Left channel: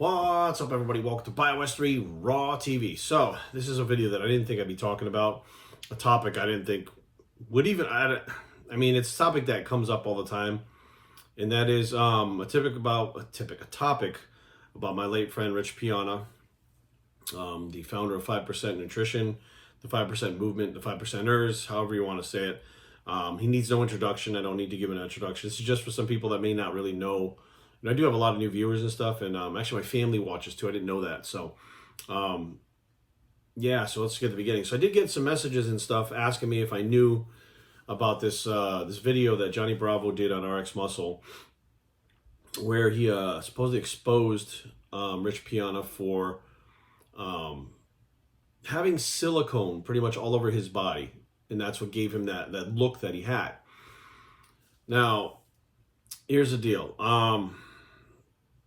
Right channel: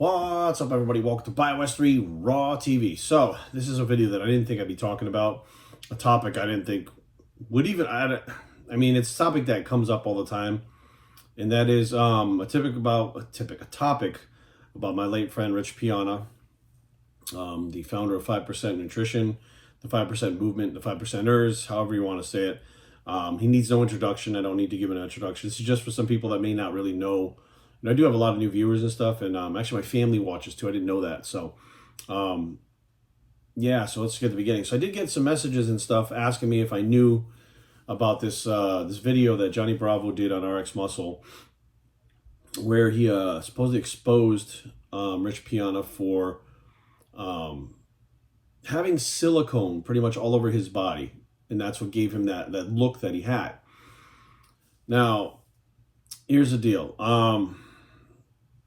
What's up, everybody? Welcome to BioS 3 Raw TV. So, this is a video that I didn't think I'd be talking about. A topic I didn't think would even... I mean, it's a topic that comes up all the time. And that is a topic about my late friend, Rich Piana, the founder of 5% Nutrition, the 5% Movement, the 5%ers, however you want to say it. He needs no introduction. I don't need to give an introduction. This is just for some people that may not really know. And I do have a lot of new viewers and stuff, and actually my family watches too. I didn't know that. So, yeah, so let's get to the beginning. So I did get some messages and stuff asking me if I knew about this this video that Johnny Bravo did on RX Muscle, where he supposedly exposed Rich Piana for having silicone pretty much all over his body, and that's what gave him that look that he had. Now, here's the deal.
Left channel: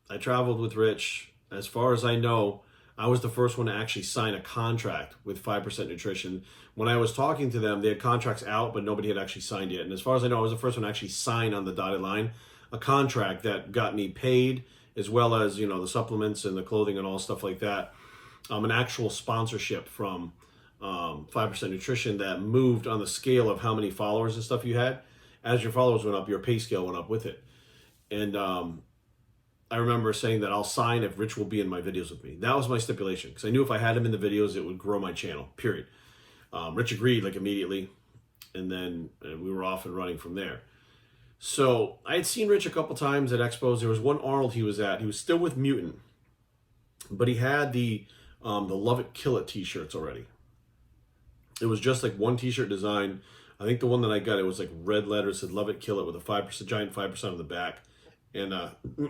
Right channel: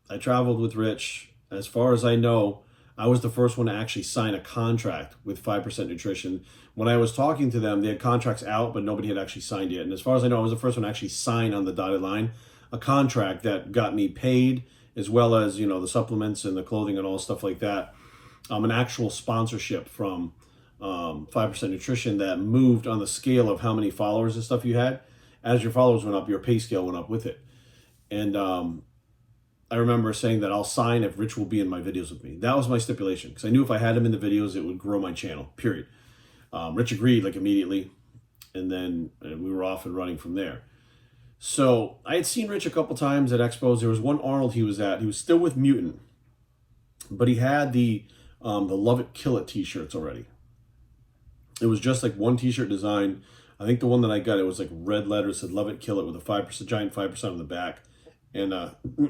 I traveled with Rich. As far as I know, I was the first one to actually sign a contract with 5% Nutrition. When I was talking to them, they had contracts out, but nobody had actually signed yet. And as far as I know, I was the first one to actually sign on the dotted line a contract that got me paid, as well as, you know, the supplements and the clothing and all stuff like that. An actual sponsorship from 5% Nutrition that moved on the scale of how many followers and stuff you had. As your followers went up, your pay scale went up with it. And I remember saying that I'll sign if Rich will be in my videos with me. That was my stipulation, because I knew if I had him in the videos, it would grow my channel, period. Rich agreed like immediately, and then we were off and running from there. So I had seen Rich a couple times at expos. There was one Arnold he was at. He was still with Mutant, but he had the Love It, Kill It t-shirts already. It was just like one t-shirt design. I think the one that I got, it was like red letters, said Love It, Kill It with a 5%, giant 5% on the back. And,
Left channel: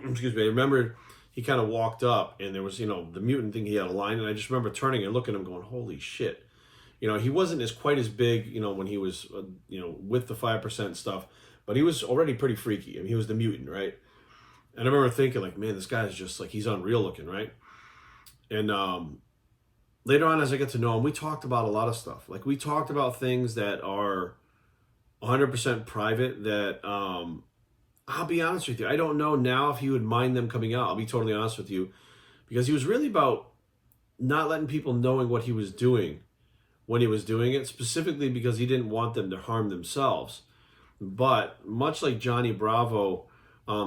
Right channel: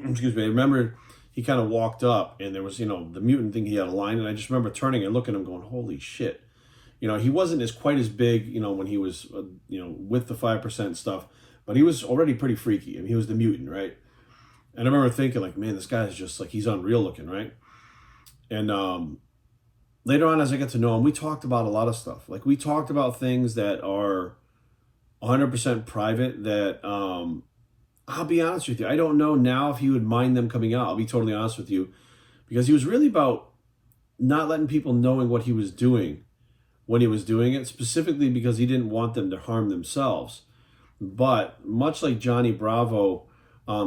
excuse me, I remember he kind of walked up and there was, you know, the Mutant thing, he had a line, and I just remember turning and looking at him going, holy shit. You know, he wasn't quite as big, you know, when he was, you know, with the 5% stuff, but he was already pretty freaky. I mean, he was the Mutant, right? And I remember thinking like, man, this guy's just like, he's unreal looking, right? And later on, as I get to know him, we talked about a lot of stuff. Like, we talked about things that are 100% private that, I'll be honest with you, I don't know now if he would mind them coming out. I'll be totally honest with you, because he was really about not letting people knowing what he was doing when he was doing it, specifically because he didn't want them to harm themselves. But much like Johnny Bravo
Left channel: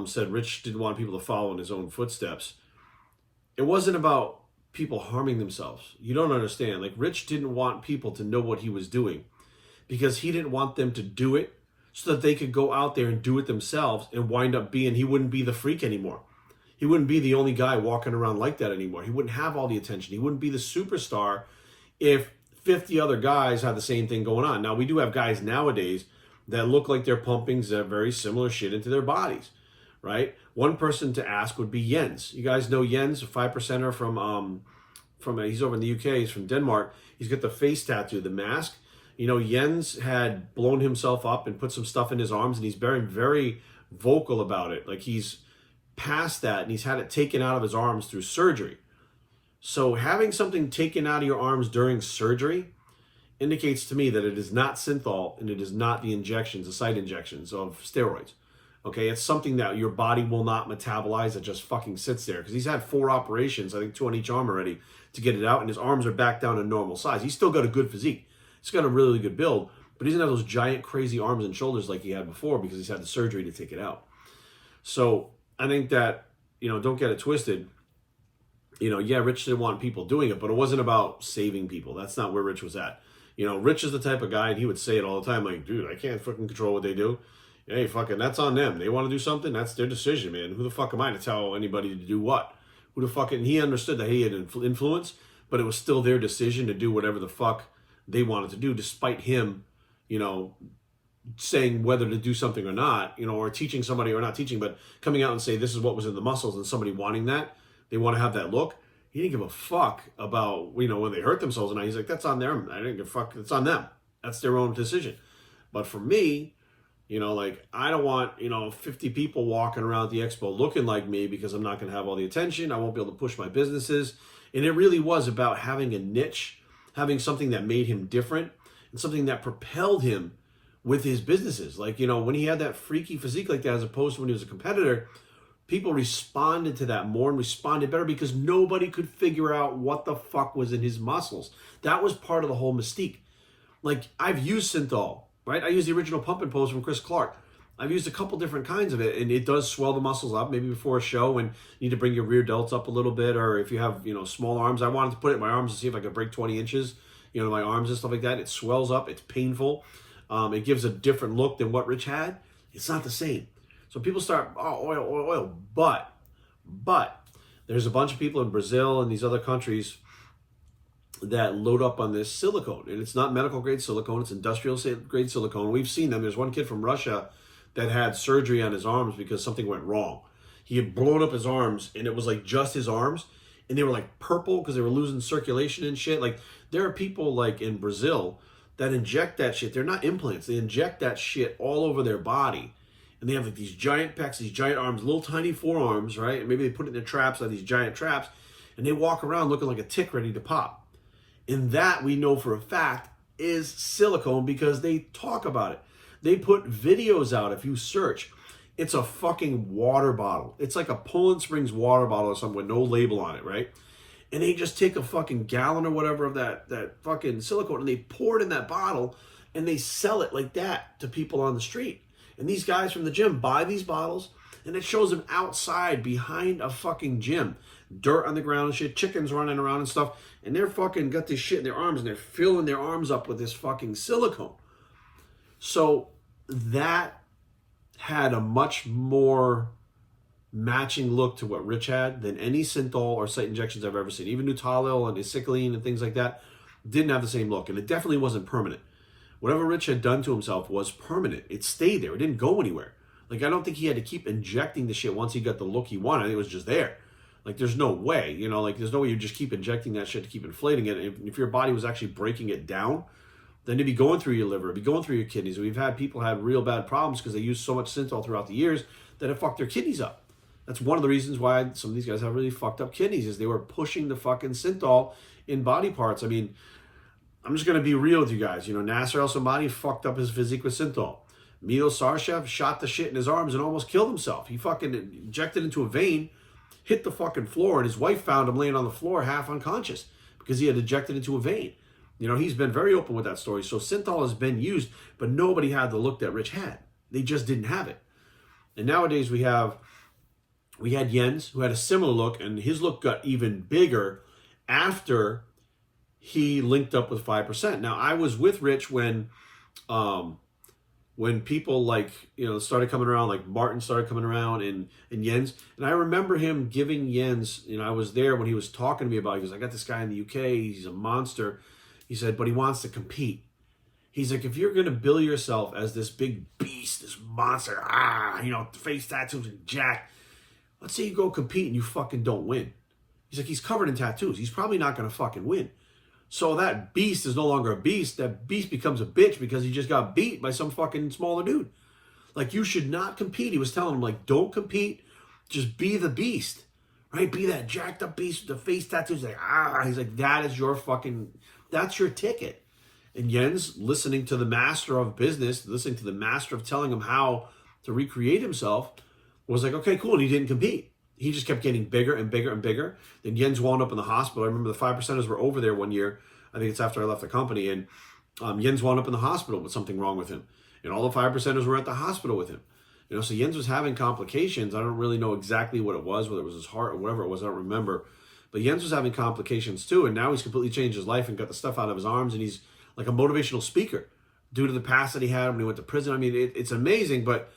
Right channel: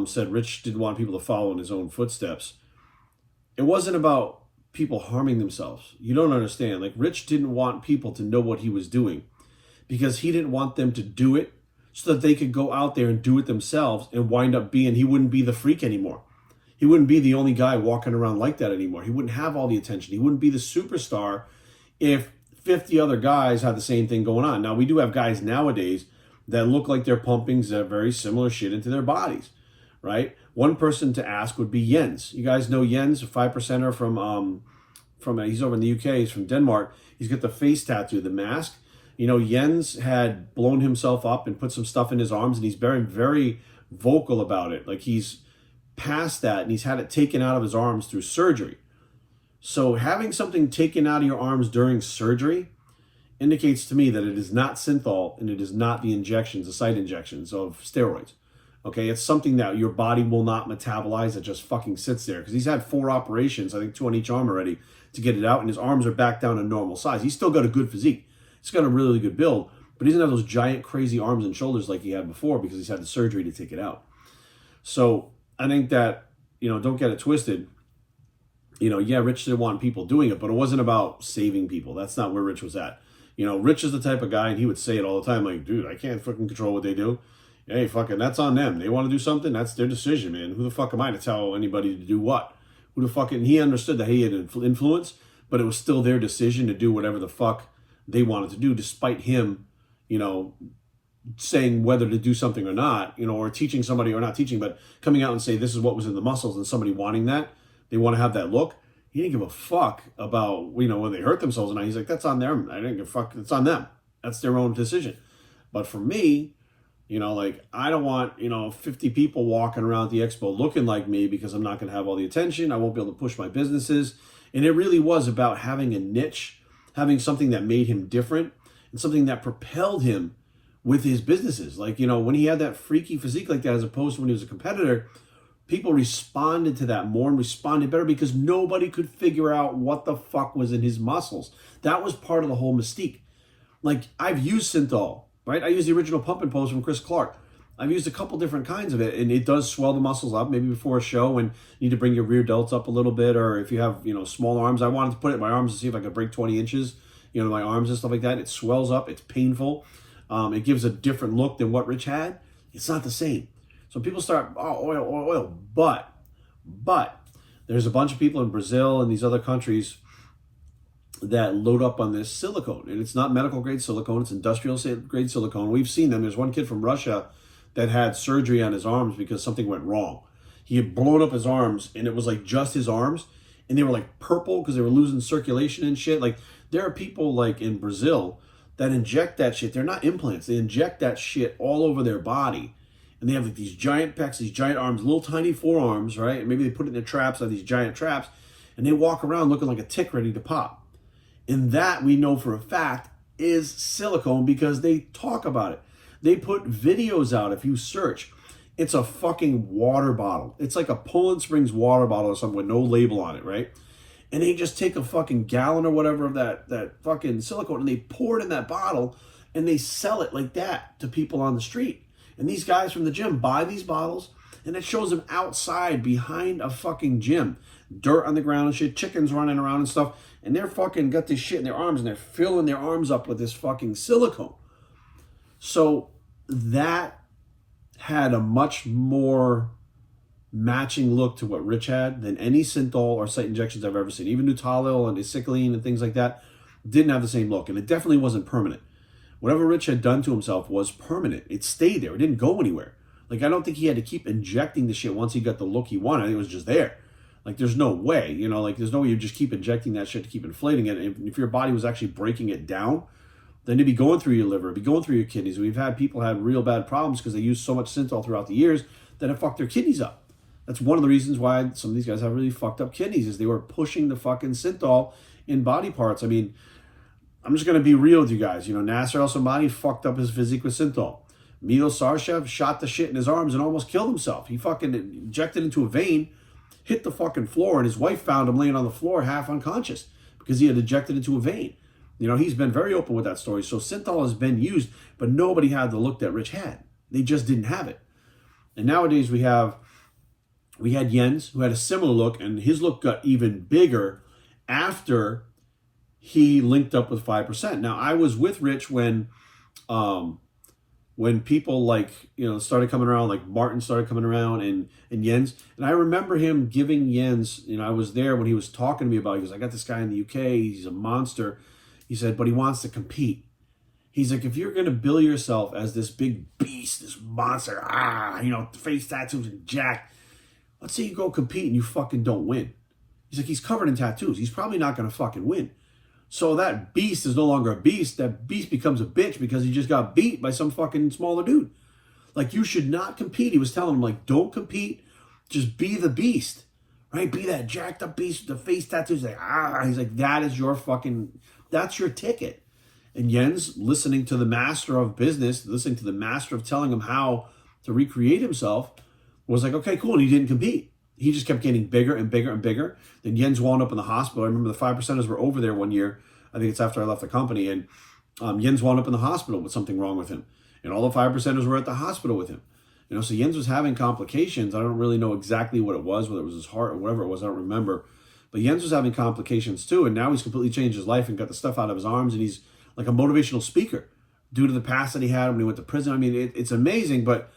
said Rich didn't want people to follow in his own footsteps, it wasn't about people harming themselves. You don't understand. Like, Rich didn't want people to know what he was doing because he didn't want them to do it so that they could go out there and do it themselves and wind up being, he wouldn't be the freak anymore. He wouldn't be the only guy walking around like that anymore. He wouldn't have all the attention. He wouldn't be the superstar if 50 other guys had the same thing going on. Now, we do have guys nowadays that look like they're pumping very similar shit into their bodies, right? One person to ask would be Jens. You guys know Jens, a 5%er from he's over in the UK, he's from Denmark. He's got the face tattoo, the mask. You know, Jens had blown himself up and put some stuff in his arms, and he's very vocal about it. Like, he's past that, and he's had it taken out of his arms through surgery. So having something taken out of your arms during surgery indicates to me that it is not synthol, and it is not the injections, the site injections of steroids. Okay, it's something that your body will not metabolize, that just fucking sits there. Because he's had 4 operations, I think 2 on each arm already, to get it out, and his arms are back down to normal size. He's still got a good physique. He's got a really good build, but he doesn't have those giant, crazy arms and shoulders like he had before because he's had the surgery to take it out. So I think that, you know, don't get it twisted. You know, yeah, Rich didn't want people doing it, but it wasn't about saving people. That's not where Rich was at. You know, Rich is the type of guy, and he would say it all the time, like, dude, I can't fucking control what they do. Hey, fucking, that's on them. They want to do something, that's their decision, man. Who the fuck am I to tell anybody to do what? Who the fuck? And he understood that he had influence, but it was still their decision to do whatever the fuck they wanted to do, despite him, you know, saying whether to do something or not, you know, or teaching somebody or not teaching, but coming out and say this is what was in the muscles, and somebody wanting that, they want to have that look. He didn't give a fuck about, you know, when they hurt themselves or not. He's like, that's on them. I didn't give a fuck. It's on them. That's their own decision. But for me, you know, like, I don't want, you know, 50 people walking around the expo looking like me because I'm not going to have all the attention. I won't be able to push my businesses. And it really was about having a niche, having something that made him different, and something that propelled him with his businesses. Like, you know, when he had that freaky physique like that, as opposed to when he was a competitor, people responded to that more and responded better because nobody could figure out what the fuck was in his muscles. That was part of the whole mystique. Like, I've used synthol, right? I used the original Pump and Pose from Chris Clark. I've used a couple different kinds of it, and it does swell the muscles up, maybe before a show when you need to bring your rear delts up a little bit, or if you have, small arms. I wanted to put it in my arms to see if I could break 20 inches, my arms and stuff like that. It swells up. It's painful. It gives a different look than what Rich had. It's not the same. So people start, oil. But there's a bunch of people in Brazil and these other countries that load up on this silicone. And it's not medical grade silicone. It's industrial grade silicone. We've seen them. There's one kid from Russia that had surgery on his arms because something went wrong. He had blown up his arms, and it was like just his arms, and they were like purple because they were losing circulation and shit. Like, there are people like in Brazil that inject that shit. They're not implants. They inject that shit all over their body. And they have like these giant pecs, these giant arms, little tiny forearms, right? And maybe they put it in their traps, like these giant traps, and they walk around looking like a tick ready to pop. And that, we know for a fact, is silicone because they talk about it. They put videos out. If you search, it's a fucking water bottle. It's like a Poland Springs water bottle or something with no label on it, right? And they just take a fucking gallon or whatever of that fucking silicone, and they pour it in that bottle, and they sell it like that to people on the street. And these guys from the gym buy these bottles, and it shows them outside behind a fucking gym. Dirt on the ground and shit, chickens running around and stuff, and they're fucking got this shit in their arms, and they're filling their arms up with this fucking silicone. So that had a much more matching look to what Rich had than any synthol or site injections I've ever seen. Even Nutalil and acetylene and things like that didn't have the same look, and it definitely wasn't permanent. Whatever Rich had done to himself was permanent. It stayed there. It didn't go anywhere. Like, I don't think he had to keep injecting the shit once he got the look he wanted. I think it was just there. Like, there's no way, there's no way you just keep injecting that shit to keep inflating it. And if your body was actually breaking it down, then it'd be going through your liver, it'd be going through your kidneys. We've had people have real bad problems because they used so much synthol throughout the years that it fucked their kidneys up. That's one of the reasons why some of these guys have really fucked up kidneys, is they were pushing the fucking synthol in body parts. I mean, I'm just going to be real with you guys. Nasser El-Somani fucked up his physique with synthol. Milo Sarshev shot the shit in his arms and almost killed himself. He fucking injected into a vein, hit the fucking floor, and his wife found him laying on the floor half unconscious because he had injected into a vein. He's been very open with that story. So synthol has been used, but nobody had the look that Rich had. They just didn't have it. And nowadays we had Jens, who had a similar look, and his look got even bigger after he linked up with 5%. Now, I was with Rich when people started coming around, like Martin started coming around and Jens. And I remember him giving Jens, I was there when he was talking to me about it. He goes, I got this guy in the UK. He's a monster. He said, but he wants to compete. He's like, if you're going to bill yourself as this big beast, this monster, face tattoos and jacked, let's say you go compete and you fucking don't win. He's like, he's covered in tattoos. He's probably not going to fucking win. So that beast is no longer a beast. That beast becomes a bitch because he just got beat by some fucking smaller dude. Like, you should not compete. He was telling him, like, don't compete. Just be the beast, right? Be that jacked up beast with the face tattoos. Like, he's like, that's your ticket. And Jens, listening to the master of business, listening to the master of telling him how to recreate himself, was like, okay, cool. And he didn't compete. He just kept getting bigger and bigger and bigger. Then Jens wound up in the hospital. I remember the 5%ers were over there one year. I think it's after I left the company. And Jens wound up in the hospital with something wrong with him. And all the 5%ers were at the hospital with him. So Jens was having complications. I don't really know exactly what it was, whether it was his heart or whatever it was. I don't remember. But Jens was having complications too. And now he's completely changed his life and got the stuff out of his arms. And he's like a motivational speaker due to the past that he had when he went to prison. I mean, it's amazing. But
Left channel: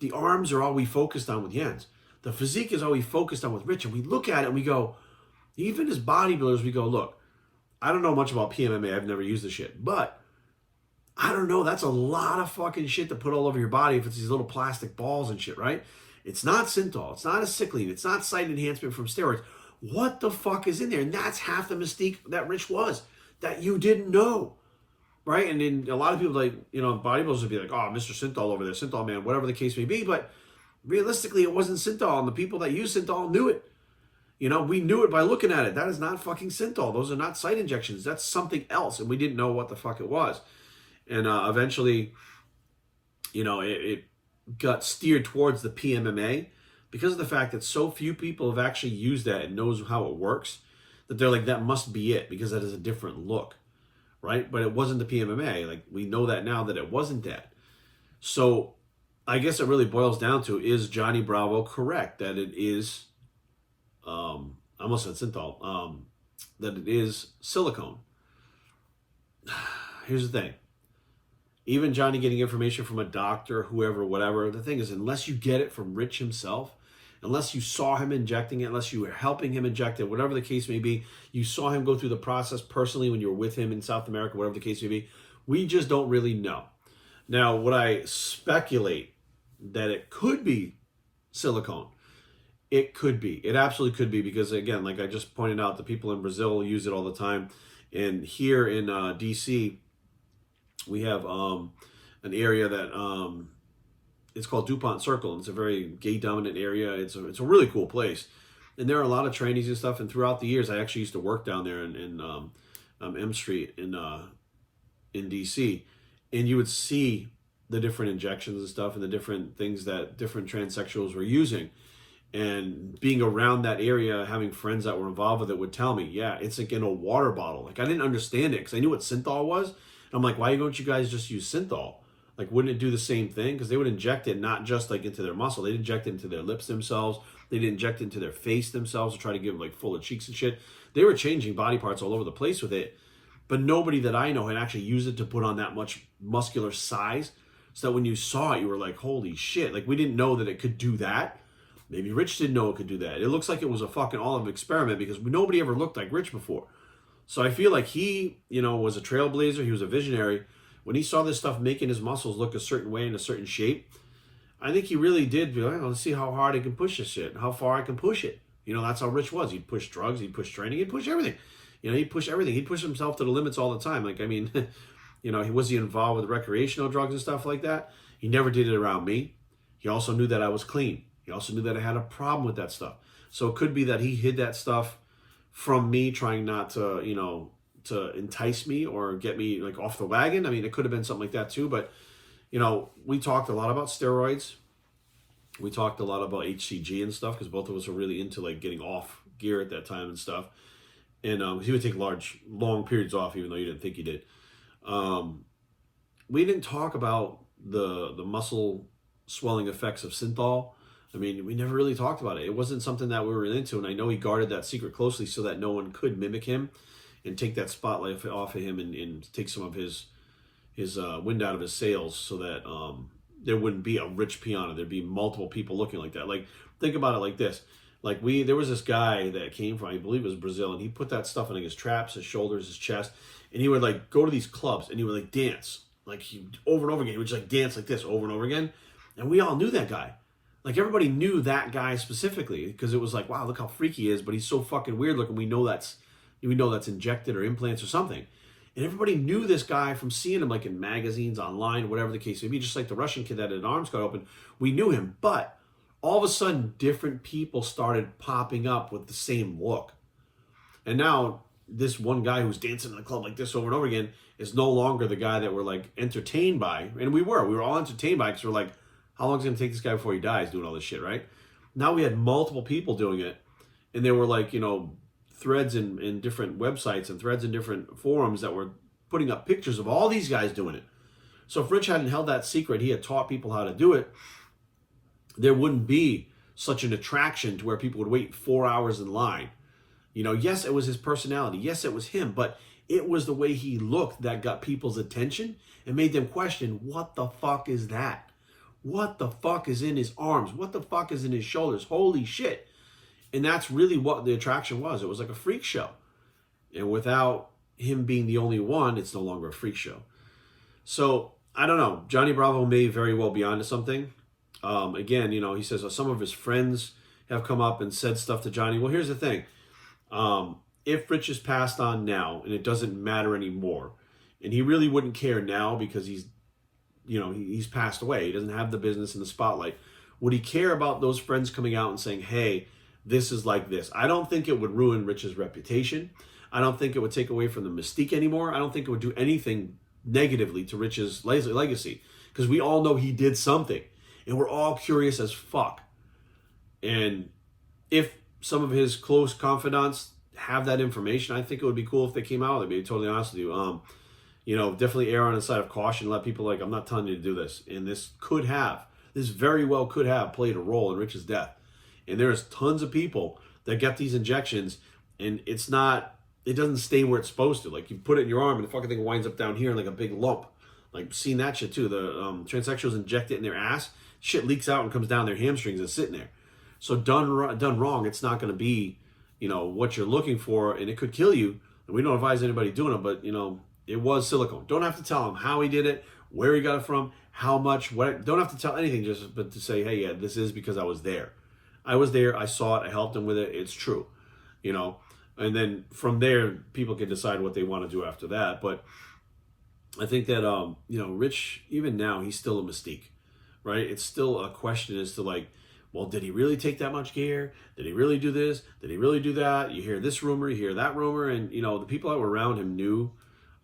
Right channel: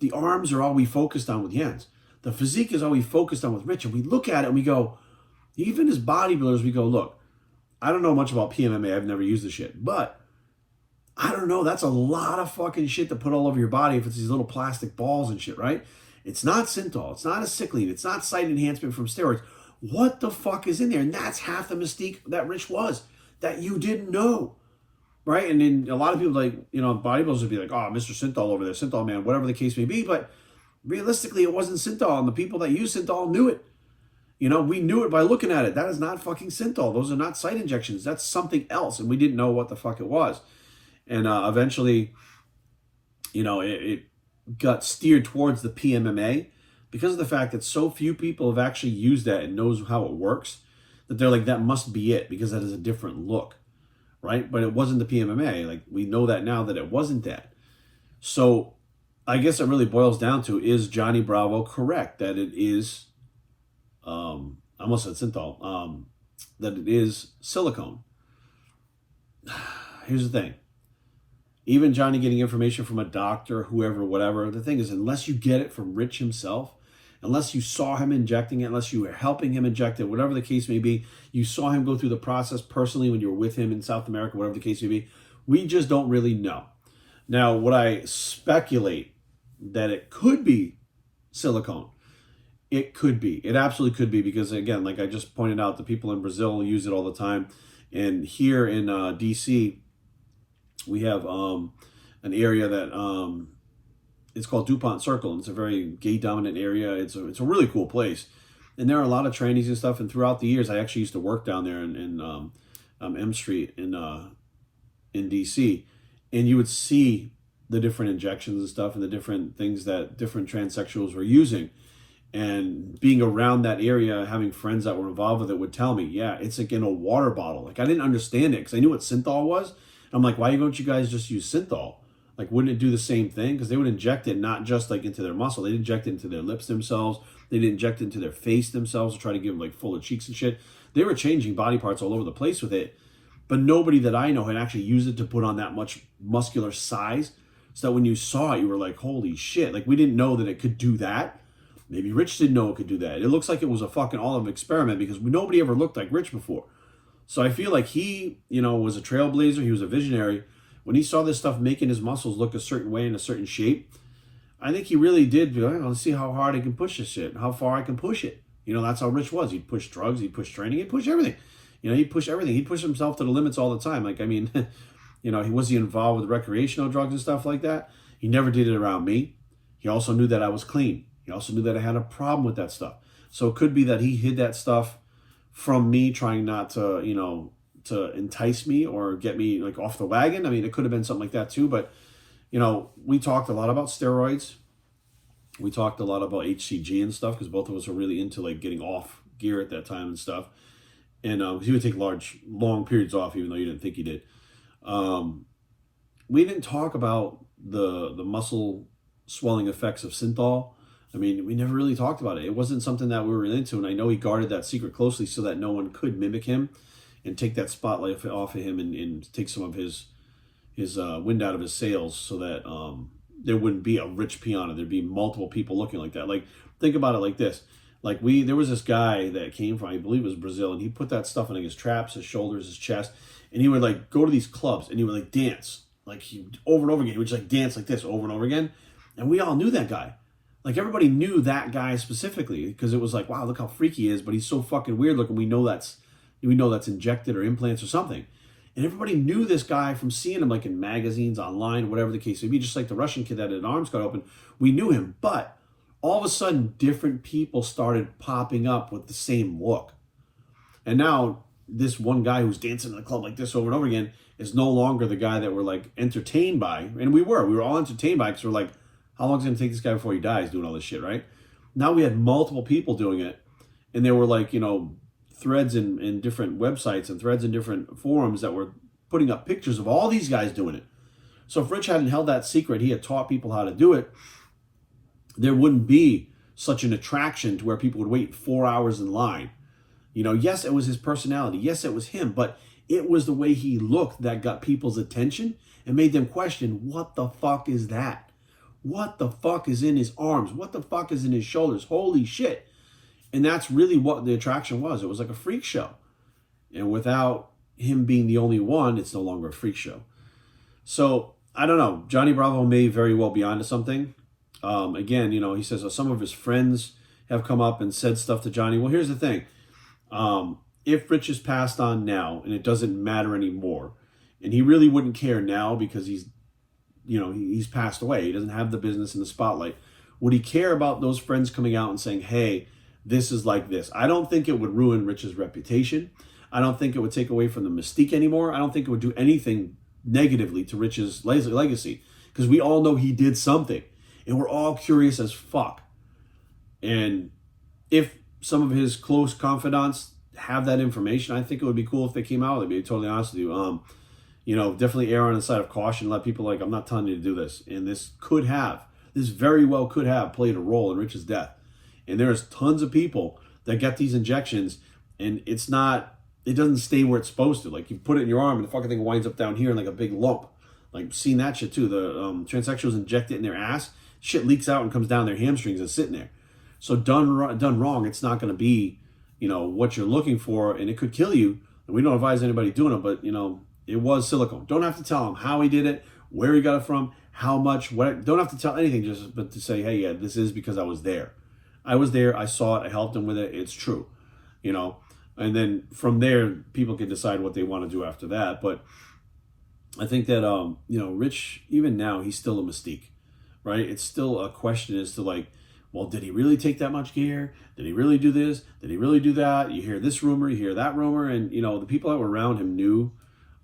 the arms are all we focused on with Jens. The physique is all we focused on with Rich. And we look at it and we go, even as bodybuilders, we go, look, I don't know much about PMMA. I've never used the shit. But I don't know. That's a lot of fucking shit to put all over your body if it's these little plastic balls and shit, right? It's not synthol. It's not acetylene. It's not site enhancement from steroids. What the fuck is in there? And that's half the mystique that Rich was, that you didn't know, right? And then a lot of people, like, bodybuilders would be like, oh, Mr. Synthol over there, Synthol man, whatever the case may be. But realistically, it wasn't synthol. And the people that use synthol knew it. We knew it by looking at it. That is not fucking synthol. Those are not site injections. That's something else. And we didn't know what the fuck it was. And eventually, it got steered towards the PMMA because of the fact that so few people have actually used that and knows how it works, that they're like, that must be it, because that is a different look, right? But it wasn't the PMMA. Like, we know that now that it wasn't that. So I guess it really boils down to, is Johnny Bravo correct that it is, I almost said synthol, that it is silicone? Here's the thing. Even Johnny getting information from a doctor, whoever, whatever, the thing is, unless you get it from Rich himself, unless you saw him injecting it, unless you were helping him inject it, whatever the case may be, you saw him go through the process personally when you were with him in South America, whatever the case may be, we just don't really know. Now, would I speculate that it could be silicone? It could be. It absolutely could be, because, again, like I just pointed out, the people in Brazil use it all the time. And here in D.C., we have an area that it's called DuPont Circle, and it's a very gay-dominant area. It's a really cool place. And there are a lot of trainings and stuff, and throughout the years, I actually used to work down there in M Street in D.C., and you would see the different injections and stuff and the different things that different transsexuals were using. And being around that area, having friends that were involved with it would tell me, yeah, it's like in a water bottle. Like, I didn't understand it because I knew what synthol was. I'm like, why don't you guys just use synthol? Like, wouldn't it do the same thing? Because they would inject it not just like into their muscle. They'd inject it into their lips themselves. They'd inject it into their face themselves to try to give them like fuller cheeks and shit. They were changing body parts all over the place with it. But nobody that I know had actually used it to put on that much muscular size, so that when you saw it, you were like, holy shit. Like, we didn't know that it could do that. Maybe Rich didn't know it could do that. It looks like it was a fucking all-of experiment, because nobody ever looked like Rich before. So I feel like he, was a trailblazer. He was a visionary. When he saw this stuff making his muscles look a certain way in a certain shape, I think he really did be like, let's see how hard I can push this shit, how far I can push it. That's how Rich was. He'd push drugs, he'd push training, he'd push everything. He'd push everything. He'd push himself to the limits all the time. Like, I mean, he was involved with recreational drugs and stuff like that. He never did it around me. He also knew that I was clean. He also knew that I had a problem with that stuff. So it could be that he hid that stuff from me, trying not to, to entice me or get me like off the wagon. I mean, it could have been something like that too. But, we talked a lot about steroids. We talked a lot about HCG and stuff, because both of us were really into like getting off gear at that time and stuff. And he would take long periods off, even though you didn't think he did. We didn't talk about the muscle swelling effects of synthol. I mean, we never really talked about it. It wasn't something that we were into, and I know he guarded that secret closely so that no one could mimic him and take that spotlight off of him and take some of his wind out of his sails, so that there wouldn't be a Rich Piana. There'd be multiple people looking like that. Like, think about it like this. Like, there was this guy that came from, I believe it was Brazil, and he put that stuff in like his traps, his shoulders, his chest, and he would like go to these clubs and he would like dance. Like, he over and over again, he would just like dance like this over and over again. And we all knew that guy. Like, everybody knew that guy specifically, because it was like, wow, look how freaky he is, but he's so fucking weird looking. We know that's injected or implants or something. And everybody knew this guy from seeing him like in magazines, online, whatever the case may be. Just like the Russian kid that had an arms cut open, we knew him. But all of a sudden, different people started popping up with the same look. And now this one guy who's dancing in the club like this over and over again is no longer the guy that we're like entertained by. And we were all entertained by, because we're like, how long is it going to take this guy before he dies doing all this shit, right? Now we had multiple people doing it. And there were like, threads in different websites and threads in different forums that were putting up pictures of all these guys doing it. So if Rich hadn't held that secret, he had taught people how to do it, there wouldn't be such an attraction to where people would wait 4 hours in line. Yes, it was his personality. Yes, it was him, but it was the way he looked that got people's attention and made them question, what the fuck is that? What the fuck is in his arms? What the fuck is in his shoulders? Holy shit. And that's really what the attraction was. It was like a freak show. And without him being the only one, it's no longer a freak show. So, I don't know. Johnny Bravo may very well be onto something. Again, he says some of his friends have come up and said stuff to Johnny. Well, here's the thing. If Rich is passed on now, and it doesn't matter anymore, and he really wouldn't care now because he's passed away. He doesn't have the business in the spotlight. Would he care about those friends coming out and saying, hey, this is like this? I don't think it would ruin Rich's reputation. I don't think it would take away from the mystique anymore. I don't think it would do anything negatively to Rich's legacy, because we all know he did something, and we're all curious as fuck. And if some of his close confidants have that information, I think it would be cool if they came out with it, to be totally honest with you. Definitely err on the side of caution. Let people I'm not telling you to do this. And this very well could have played a role in Rich's death. And there's tons of people that get these injections and it doesn't stay where it's supposed to. Like you put it in your arm and the fucking thing winds up down here in like a big lump. Like seen that shit too. The transsexuals inject it in their ass. Shit leaks out and comes down their hamstrings and sitting there. So done wrong, it's not going to be, what you're looking for, and it could kill you. And we don't advise anybody doing it, but it was silicone. Don't have to tell him how he did it, where he got it from, how much, what. Don't have to tell anything, but to say, hey, yeah, this is because I was there. I was there. I saw it. I helped him with it. It's true, And then from there, people can decide what they want to do after that. But I think that Rich, even now, he's still a mystique, right? It's still a question as to well, did he really take that much gear? Did he really do this? Did he really do that? You hear this rumor, you hear that rumor, and the people that were around him knew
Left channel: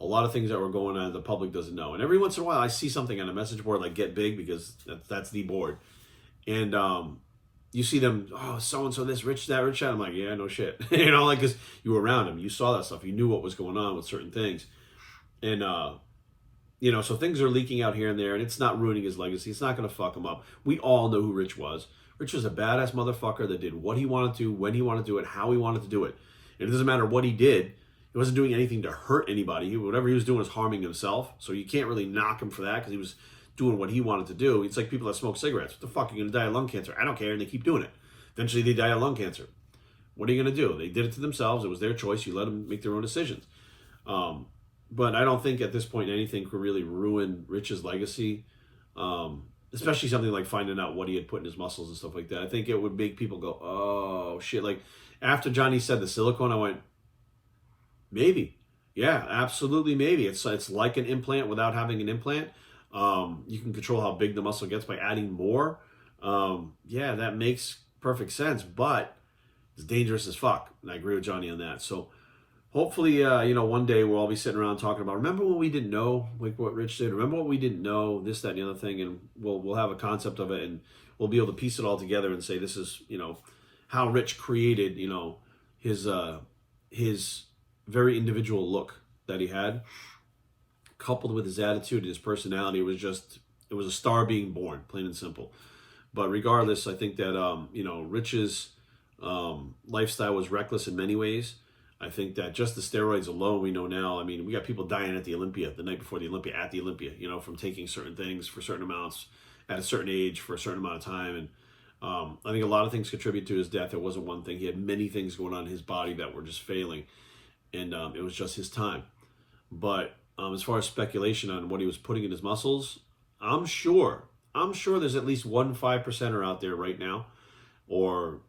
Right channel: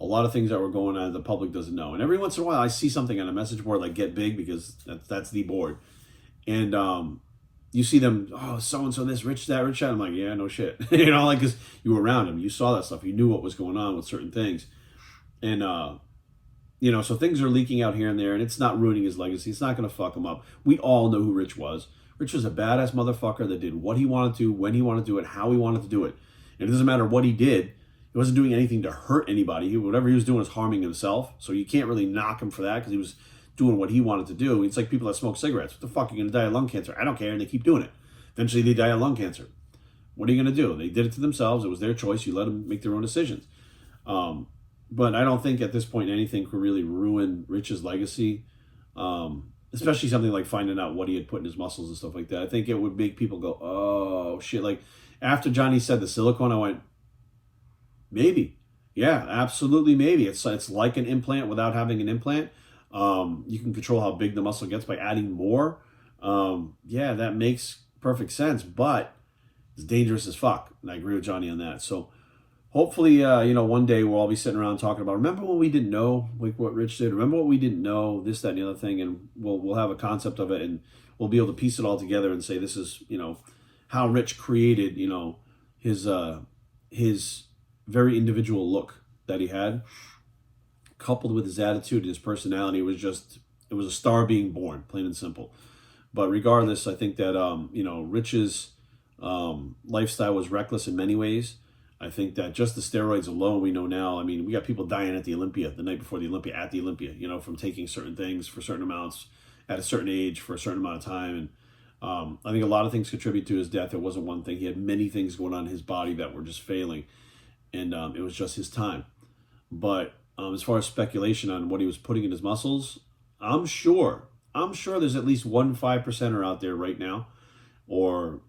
a lot of things that were going on the public doesn't know. And every once in a while, I see something on a message board like Get Big, because that's the board. And you see them, oh, so-and-so this, Rich that, Rich that. I'm like, yeah, no shit. Because you were around him. You saw that stuff. You knew what was going on with certain things. And, so things are leaking out here and there, and it's not ruining his legacy. It's not going to fuck him up. We all know who Rich was. Rich was a badass motherfucker that did what he wanted to, when he wanted to do it, how he wanted to do it. And it doesn't matter what he did. He wasn't doing anything to hurt anybody. Whatever he was doing was harming himself. So you can't really knock him for that because he was doing what he wanted to do. It's like people that smoke cigarettes. What the fuck? You're going to die of lung cancer. I don't care. And they keep doing it. Eventually they die of lung cancer. What are you going to do? They did it to themselves. It was their choice. You let them make their own decisions. But I don't think at this point anything could really ruin Rich's legacy. Especially something like finding out what he had put in his muscles and stuff like that. I think it would make people go, oh, shit. Like, after Johnny said the silicone, I went, maybe. Yeah, absolutely maybe. It's like an implant without having an implant. You can control how big the muscle gets by adding more. Yeah, that makes perfect sense. But it's dangerous as fuck. And I agree with Johnny on that. So hopefully, one day we'll all be sitting around talking about, remember what we didn't know, like what Rich did? Remember what we didn't know, this, that, and the other thing, and we'll have a concept of it, and we'll be able to piece it all together and say this is, how Rich created, his very individual look that he had, coupled with his attitude and his personality. It was a star being born, plain and simple. But regardless, I think that, Rich's lifestyle was reckless in many ways. I think that just the steroids alone, we know now, we got people dying at the Olympia, the night before the Olympia, at the Olympia, from taking certain things for certain amounts at a certain age for a certain amount of time. And I think a lot of things contribute to his death. It wasn't one thing. He had many things going on in his body that were just failing. And it was just his time. But as far as speculation on what he was putting in his muscles, I'm sure there's at least 5%er out there right now, or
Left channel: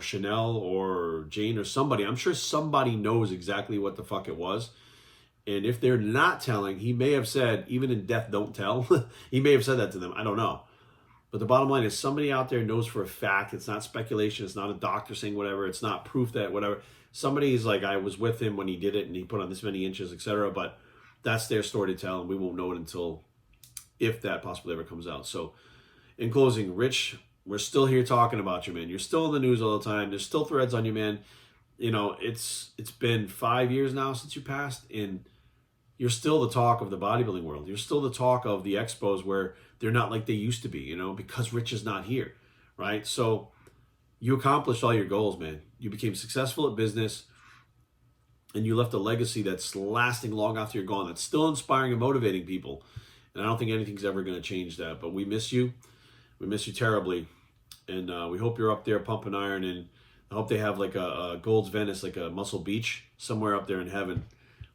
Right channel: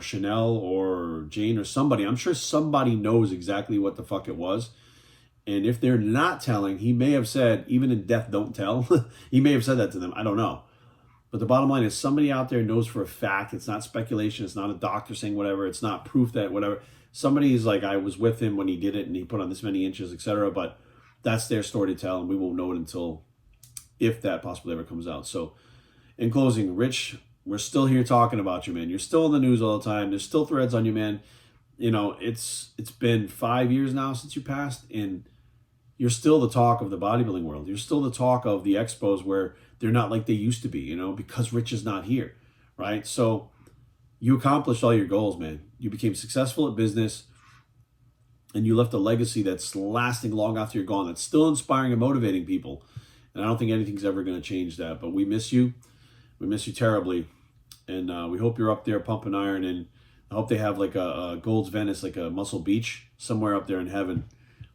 Chanel or Jane or somebody. I'm sure somebody knows exactly what the fuck it was. And if they're not telling, he may have said, even in death, don't tell. He may have said that to them. I don't know. But the bottom line is somebody out there knows for a fact. It's not speculation. It's not a doctor saying whatever. It's not proof that whatever. Somebody's like, I was with him when he did it and he put on this many inches, etc. But that's their story to tell, and we won't know it until, if that possibly ever comes out. So in closing, Rich, we're still here talking about you, man. You're still in the news all the time. There's still threads on you, man. It's been 5 years now since you passed, and you're still the talk of the bodybuilding world. You're still the talk of the expos where they're not like they used to be, because Rich is not here, right? So you accomplished all your goals, man. You became successful at business, and you left a legacy that's lasting long after you're gone, that's still inspiring and motivating people. And I don't think anything's ever going to change that. But we miss you. We miss you terribly. And we hope you're up there pumping iron. And I hope they have like a Gold's Venice, like a Muscle Beach, somewhere up there in heaven,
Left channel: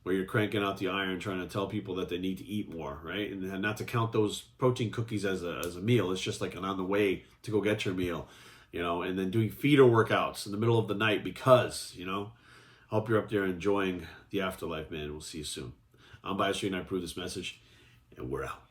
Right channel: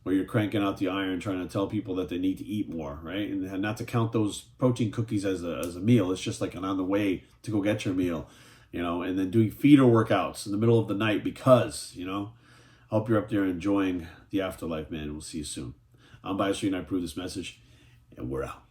where you're cranking out the iron, trying to tell people that they need to eat more, right? And not to count those protein cookies as a meal. It's just like an on the way to go get your meal, and then doing feeder workouts in the middle of the night because, I hope you're up there enjoying the afterlife, man. We'll see you soon. I'm Bias Street, and I approve this message, and we're out.